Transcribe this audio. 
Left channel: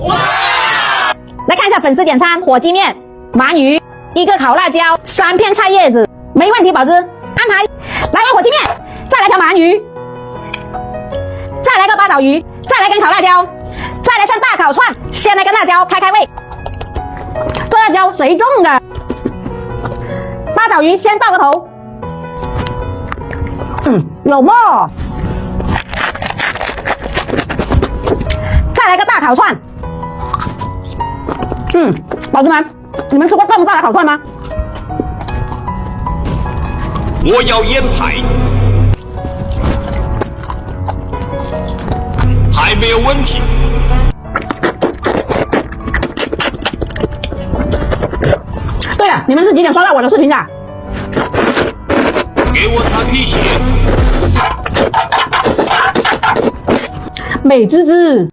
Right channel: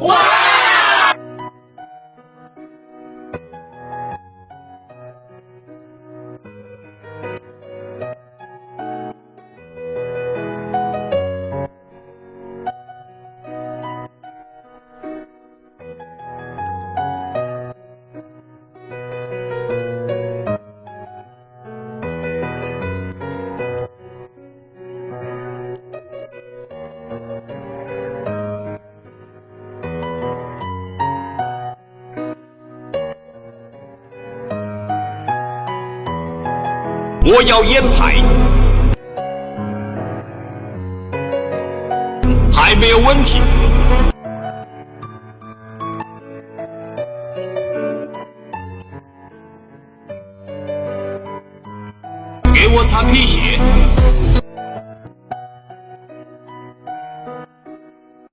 哇！来看一下粉丝点餐：火鸡面、鳗鱼、1个烤辣椒、3片菜叶子，没问题，宝子安排。来碗火鸡面，再来条鳗鱼，再来个八爪鱼，再来根烤辣椒，再来串大烤串，先来根辣椒开胃。这辣椒谁种的？八爪鱼先爆个头，有沫。再来个大烤串，宝子们，你们吃过这么大的烤串吗？我要腌排，还没有问题。对了，你们是几点刷到我的视频的？给我擦皮鞋，美滋滋。